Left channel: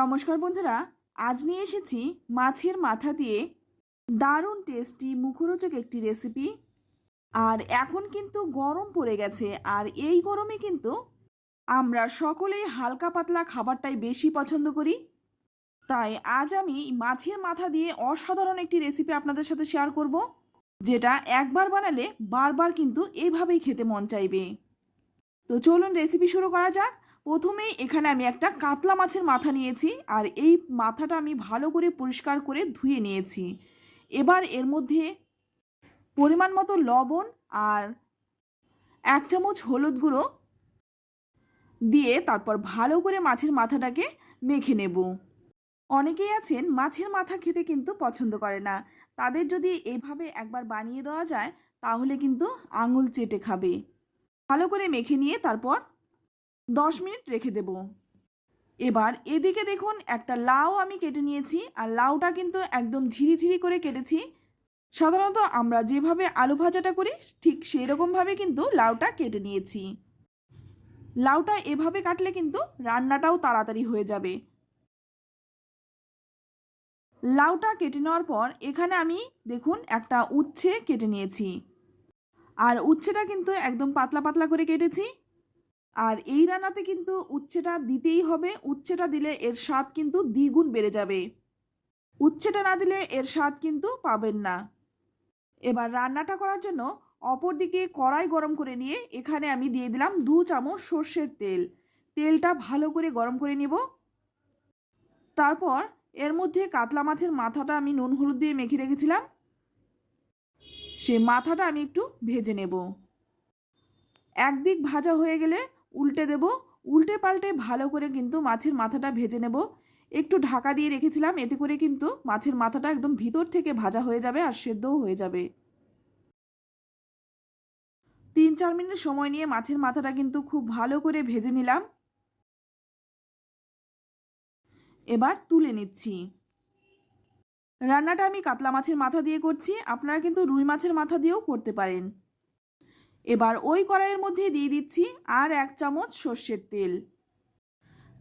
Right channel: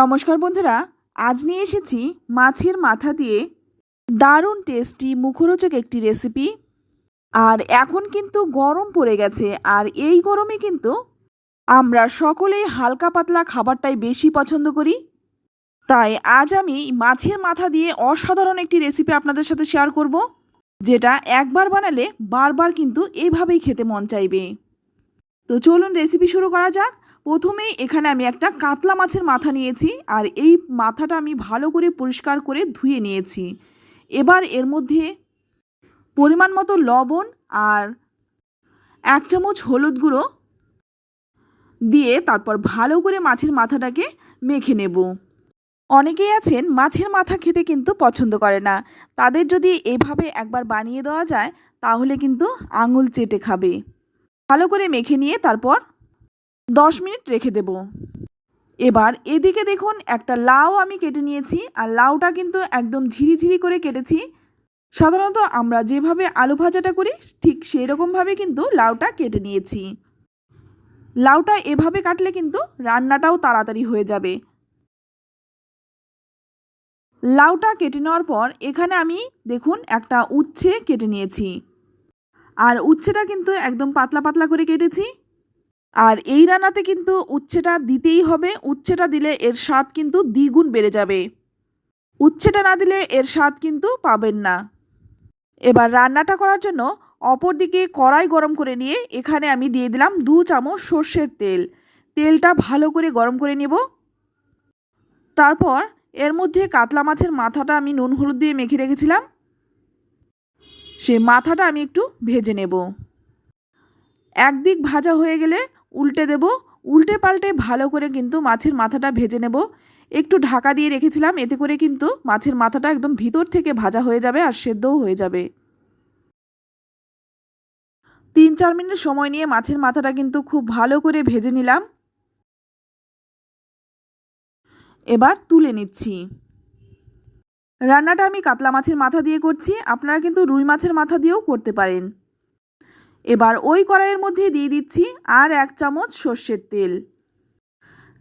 নমস্কার বন্ধুরা, আজ নিয়ে এসেছি মাছের মাথা দিয়ে দারুণ টেস্টি মুখরোচক একটি রেসিপি আর এখন কিন্তু গরম পড়ে গেছে, আর এই গরমে কিন্তু আমরা সকলেই হালকা পাতলা খাবারটাই বেশি পছন্দ করি। তাই আজ আমি মাছের মাথা দিয়ে অসাধারণ একটি রেসিপি আপনাদের সাথে শেয়ার করব, যেটা একবার বানালে বারবার কিন্তু এইভাবেই খেতে মন চাইবে। তো চলুন রেসিপি শুরু করা যাক। প্রথমেই এখানে আমি একটা কাতলা মাছের মাথা নিয়েছি আর এই মাথাটা আমি ভালো করে পরিষ্কার করে ধুয়ে নিয়েছি। এবার এর মধ্যে পরিমাণ মতো লবণ আর এক চামচ হলুদ গুঁড়ো দিয়ে তারপর ভালো করে মাছের মাথাটাকে মেখে নেব। অনেকেই আছেন মাছের মাথা খেতে কিন্তু পছন্দ করে না। তাদের যদি এভাবে একবার বানিয়ে দেওয়া যায় তাহলে কিন্তু আঙুল চেটে খাবে। ভালো করে মেখে নিয়ে তারপর দশ মিনিট রেখে দেব। এবার এদিকে দেখুন, একটা লাউ আমি কেটে নিয়েছি, আর লাউটা কিন্তু একদম ঝিরিঝিরি করে কেটেছি। সাধারণত আমরা যেভাবে আলু ভাজাটা করি, ঠিক সেই রকমভাবে কিন্তু লাউটা কেটে নিয়েছি। লাউটা এভাবে কাটলে কিন্তু রান্নাটাও তাড়াতাড়ি হয়ে যাবে। লাউটা কেটে নেওয়ার পর এখানে আমি দেখুন, একটা উচ্ছে কেটে নিয়েছি। আর উচ্ছেটা কিন্তু একদম পাতলা পাতলা করে কেটেছি। আর এই রান্নাতে কিন্তু উচ্ছেটা দিতেই হবে। উচ্ছেটা দিলে এর স্বাদ কিন্তু দ্বিগুণ বেড়ে যাবে। উচ্ছেটা না দিলে এর স্বাদ কিন্তু পাবেন না। এবার রান্নাটা করার জন্য অপর দিকে কড়াই গরম করে নিয়ে এখানে আমি দিয়ে দিলাম দু চামচ সর্ষের তেল। তেলটা ভালো করে গরম করে নেব। তারপর এর মধ্যে কাতলা মাছের মাথাটা আমি নুন হলুদ দিয়ে মেখে রেখেছিলাম। সে মাথাটা আমি একটু ভেজে নেব। একদিক ভাজা হয়ে গেলে উল্টে দেব, উল্টে পাল্টে ভালো করে কিন্তু মাছের মাথাটা ভেজে নেব। একটু ঢাকা দিয়ে রেখেছিলাম, এতে করে কিন্তু মাছের মাথাটা একদম ভিতর থেকে ভাজা হয়ে যাবে আর সেদ্ধও হয়ে যাবে। তিন চার মিনিট সময় নিয়ে মাছের মাথাটা কিন্তু খুব ভালো করে ভেজে নিলাম। এবার তুলে নিচ্ছি। রান্নাটা আমি কাতলা মাছের মাথা দিয়ে করছি, আপনারা কিন্তু রুই মাছের মাথা দিয়েও করতে পারেন। এবার ওই কড়াইয়ের মধ্যে দিয়ে দিচ্ছি আর এক চামচ সর্ষের তেল।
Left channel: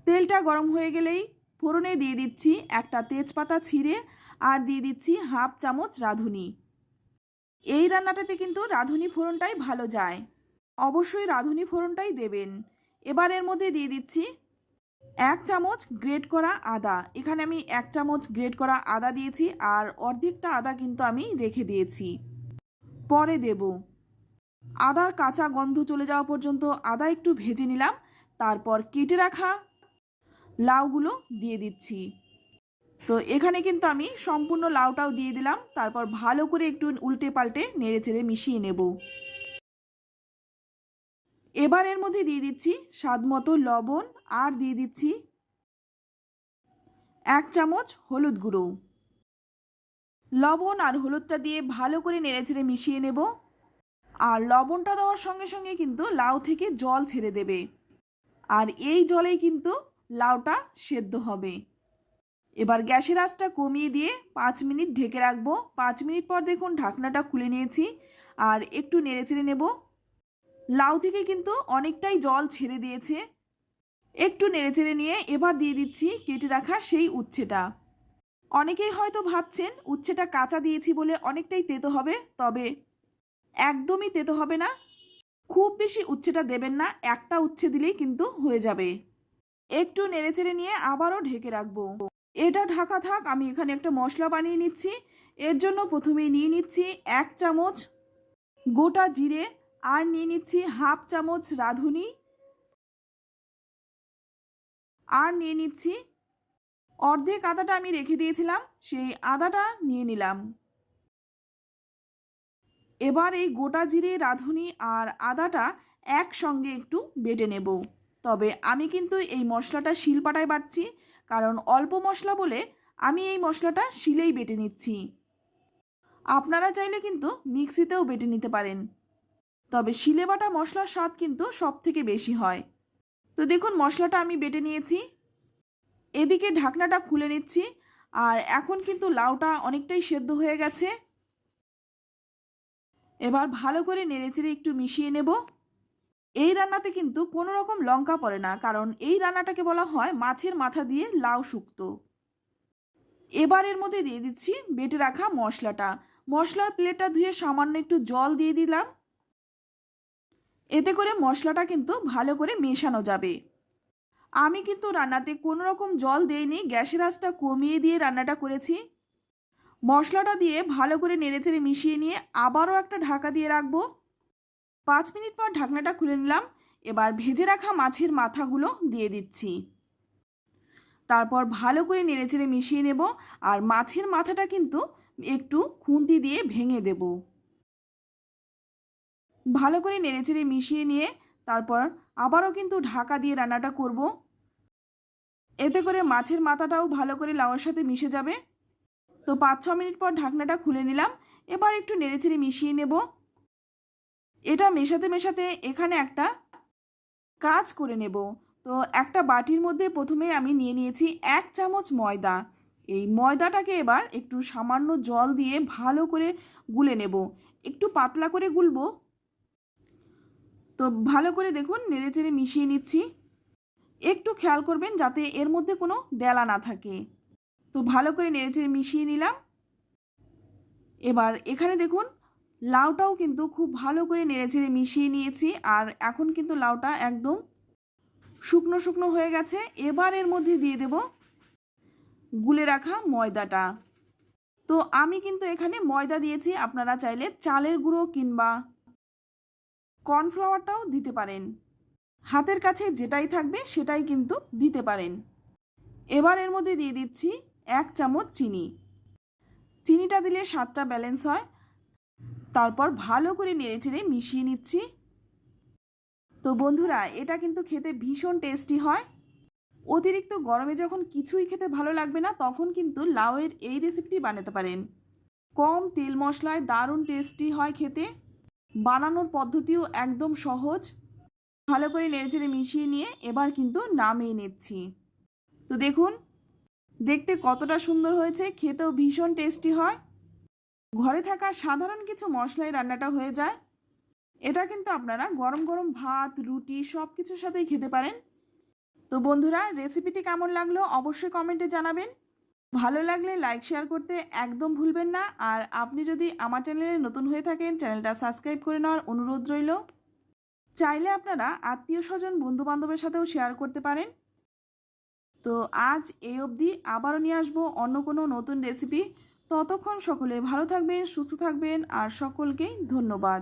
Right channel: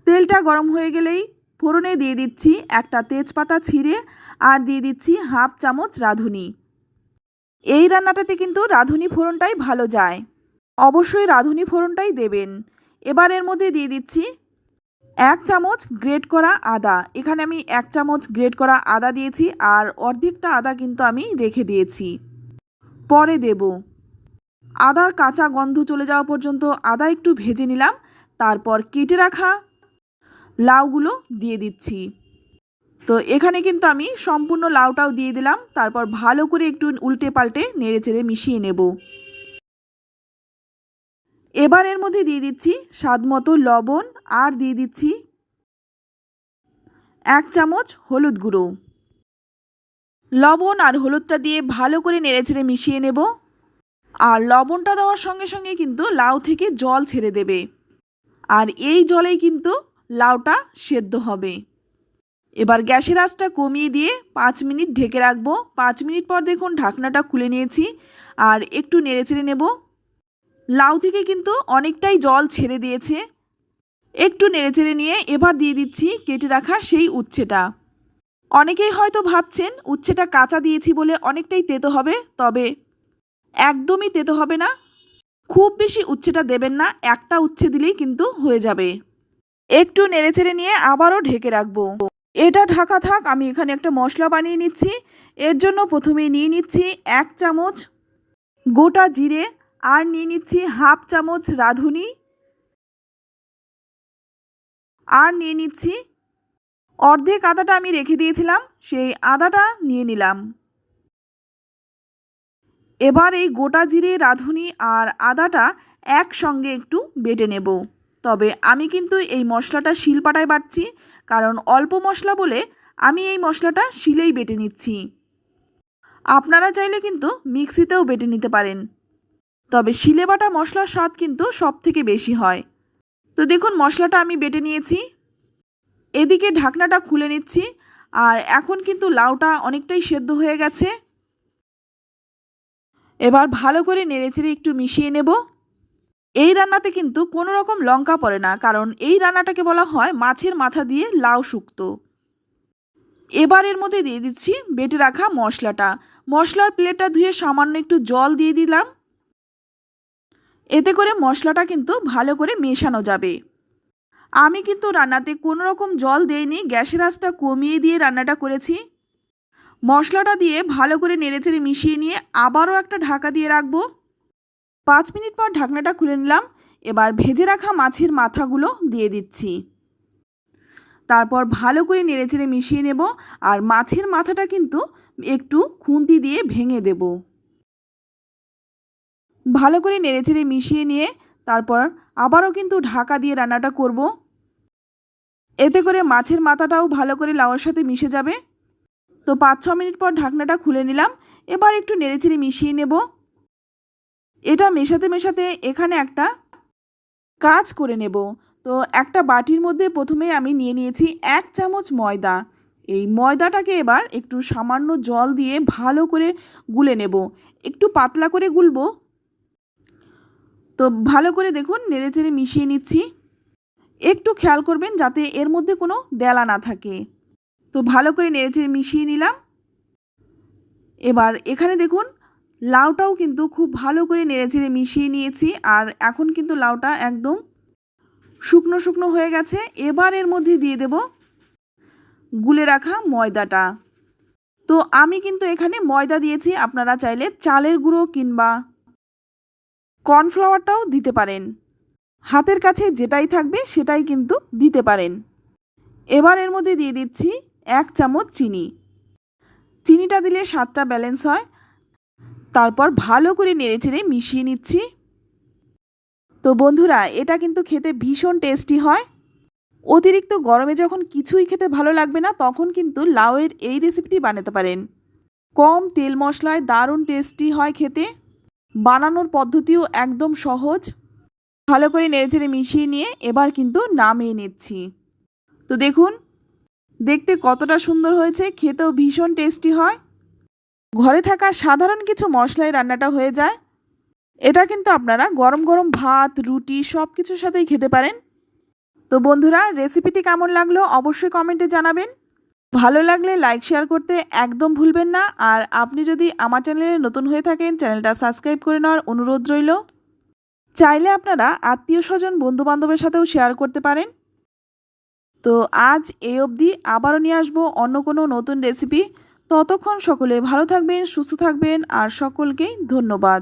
তেলটা গরম হয়ে গেলেই ফোড়নে দিয়ে দিচ্ছি একটা তেজপাতা ছিঁড়ে আর দিয়ে দিচ্ছি হাফ চামচ রাঁধুনি। এই রান্নাটাতে কিন্তু রাঁধুনি ফোড়নটাই ভালো যায়। অবশ্যই রাঁধুনি ফোড়নটাই দেবেন। এবার এর মধ্যে দিয়ে দিচ্ছি এক চামচ গ্রেট করা আদা। এখানে আমি এক চামচ গ্রেট করা আদা দিয়েছি আর অর্ধেকটা আদা কিন্তু আমি রেখে দিয়েছি। পরে দেব। আদার কাঁচা গন্ধ চলে যাওয়া পর্যন্ত আদা একটু ভেজে নিলাম, তারপর কেটে রাখা লাউগুলো দিয়ে দিচ্ছি। তো এখানে কিন্তু আমি সম্পূর্ণ লাউটাও দিয়ে দিলাম, তারপর ভালো করে একটু উল্টে পাল্টে নেড়ে চেড়ে মিশিয়ে নেব। এবার এর মধ্যে দিয়ে দিচ্ছি স্বাদ মতো লবণ আর দিয়ে দিচ্ছি এক চামচ হলুদ গুঁড়ো। লবণ আর হলুদটা দিয়ে ভালো করে নেড়েচেড়ে মিশিয়ে নেব। আর লবণটা দেওয়ার সঙ্গে সঙ্গে কিন্তু লাউ থেকে জল ছেড়ে দেবে। আর এই জলেই কিন্তু লাউটা সেদ্ধ হবে। এবার গ্যাসের আঁচটা কমিয়ে দিয়ে পাঁচ মিনিট ঢেকে রাখব। পাঁচ মিনিট পর দেখুন ঢাকনাটা খুলে নিয়েছি। আর একটু নেড়েচেড়ে নেব। লাউ থেকে কিন্তু অনেকটাই জল ছেড়ে দিয়েছে। একটু নেড়েচেড়ে নিয়ে এবার দিয়ে দিচ্ছি কেটে রাখা সেই উচ্ছেটা। অনেকেই হয়তো ভাবছেন, উচ্ছেটা কাঁচা দিয়েছি বলে অনেকটাই তেতো হবে। তবে একদমই তেতো হবে না। খুব বেশি উচ্ছেটা দেবেন না, একটা উচ্ছে দিলেই কিন্তু হয়ে যাবে। একটু নেড়েচেড়ে নিয়ে আবারও ঢেকে রাখব। এটা ঢাকা থাক, আমি এখানে একটা মশলা বানিয়ে নিচ্ছি। এর জন্য প্রথমে নিয়ে নিচ্ছি এক চামচ গোটা জিরে আর নিয়ে নিচ্ছি হাফ চামচ রাঁধুনি। আর নিয়ে নিচ্ছি অর্ধেক আদাটা আমি রেখে দিয়েছিলাম, সেই আদাটা নিয়ে নিলাম। এবার এই গোটা জিরে, রাঁধুনি আর আদাটা একসঙ্গে একটু বেটে নেব। তবে আমি কিন্তু এই মশলাটা শিলপাটায় বাটছি, কারণ অল্প মশলা বলে আমি এই মশলাটা শিলেই বেটে নিচ্ছি। আপনারা চাইলে কিন্তু মিক্সিতেও বেটে নিতে পারেন। তবে শিলে বাটা মশলার স্বাদ কিন্তু সব থেকে বেশি হয়। তো দেখুন, মশলাটা আমি বেটে নিয়েছি। এদিকে ঢাকনাটা খুলে নিচ্ছি, আর এখন কিন্তু লাউটা অনেকটাই সেদ্ধ হয়ে গেছে। এবার ভালো করে নেড়েচেড়ে একটু মিশিয়ে নেব। এই রান্নাতে কিন্তু কোনো রকম লঙ্কা পড়ে না, কারণ এই রান্নাটাকে বলা হয় মাছের মাথা দিয়ে লাউ শুক্তো। এবার এর মধ্যে দিয়ে দিচ্ছি বেটে রাখা মশলাটা। মশলার প্লেটটা ধুয়ে সামান্য একটু জল দিয়ে দিলাম। এতে করে মশলাটা কিন্তু ভালো করে মেশানো যাবে। আমি কিন্তু রান্নাতে কোনো রকম জল দেইনি, গ্যাসের আঁচটা কমিয়ে দিয়ে রান্নাটা করেছি। মশলাটা দিয়ে ভালো করে নেড়েচেড়ে মিশিয়ে নিয়ে আবারও একটা ঢাকা দিয়ে রাখব। পাঁচ মিনিট পর ঢাকনাটা খুলে নিলাম। এবার ভেজে রাখা মাছের মাথাগুলো দিয়ে দিচ্ছি। তারপর ভালো করে নেড়েচেড়ে মিশিয়ে নেব আর মাছের মাথাটা কিন্তু একটু খুন্তি দিয়ে ভেঙে দেব। ভালো করে নেড়েচেড়ে মিশিয়ে নিয়ে তারপর আবারও কিন্তু ঢাকা দিয়ে রান্নাটা করব। এতে করে মাছের মাথাটাও ভালো করে লাউয়ের সাথে মিশে যাবে। তো পাঁচ, ছ মিনিট পর ঢাকনাটা খুলে নিলাম। এবার একটু নেড়েচেড়ে মিশিয়ে নেব। এটা মেশাতে মেশাতে এখানে একটা কাজ করে নেব। তো একটা বাটির মধ্যে প্রথমে আমি নিয়ে নিয়েছি এক চামচ ময়দা। এই ময়দাটাকে এবার একটু সামান্য জল দিয়ে ভালো করে গুলে নেব। একটু পাতলা করে গুলবো। তো ভালো করে দেখুন, নেড়েচেড়ে মিশিয়ে নিচ্ছি। একটু খেয়াল করবেন যাতে এর মধ্যে কোনো ডেলা না থাকে। তো ভালো করে নেড়েচেড়ে মিশিয়ে নিলাম। এবার এখানে দেখুন, লাউটাও কিন্তু খুব ভালো করে নেড়েচেড়ে মিশিয়ে নিয়েছি আর এখন কিন্তু লাউটা একদম শুকনো শুকনো হয়ে গেছে। এবার এর মধ্যে দিয়ে দেব গুলে রাখা ময়দাটা। তো আমি কিন্তু এখানে ময়দা দিয়েছি, আপনারা চাইলে চালের গুঁড়ো কিংবা কর্নফ্লাওয়ারটাও দিতে পারেন। হাতের কাছে যেটাই থাকবে সেটাই কিন্তু দিতে পারেন। এবার এর মধ্যে দিয়ে দিচ্ছি এক চামচ চিনি। চিনিটা দিলে স্বাদটা ব্যালেন্স হয়। তারপর ভালো করে নেড়েচেড়ে মিশিয়ে নিচ্ছি। তো বন্ধুরা, এটা কিন্তু খেতে ভীষণ টেস্টি হয়। অতিরিক্ত গরমে যখন কিছুই খেতে ভালো লাগবে না, তখন কিন্তু লাউয়ের এই রেসিপিটি বানাতে পারেন। কম তেল মশলায় দারুণ টেস্টি হয় খেতে। বানানোর পদ্ধতিও একদম সহজ। ভালো করে নেড়েচেড়ে মিশিয়ে নিয়ে এবার কিন্তু নামিয়ে নিচ্ছি। তো দেখুন দেখতে কতটা সুন্দর হয়েছে, খেতেও ভীষণ টেস্টি হয়। ঘরে থাকা সাধারণ কিছু মশলায় রান্নাটা হয়ে যায়। এটা কিন্তু আপনারা গরম গরম ভাত, রুটি সব কিছুর সাথেই খেতে পারেন। তো বন্ধুরা রেসিপিটি কেমন লাগল অবশ্যই কমেন্টে জানাবেন। ভালো লাগলে লাইক শেয়ার করতে একদম ভুলবেন না। আর আপনি যদি আমার চ্যানেলে নতুন হয়ে থাকেন চ্যানেলটা সাবস্ক্রাইব করে নেওয়ার অনুরোধ রইল। চাইলে আপনারা আত্মীয় স্বজন বন্ধুবান্ধবের সাথেও শেয়ার করতে পারেন। তো আজ এই অবধি আবারও নিয়ে আসব অন্য কোনো নতুন রেসিপি ততক্ষণ সকলে ভালো থাকবেন, সুস্থ থাকবেন, আর সকলকেই ধন্যবাদ।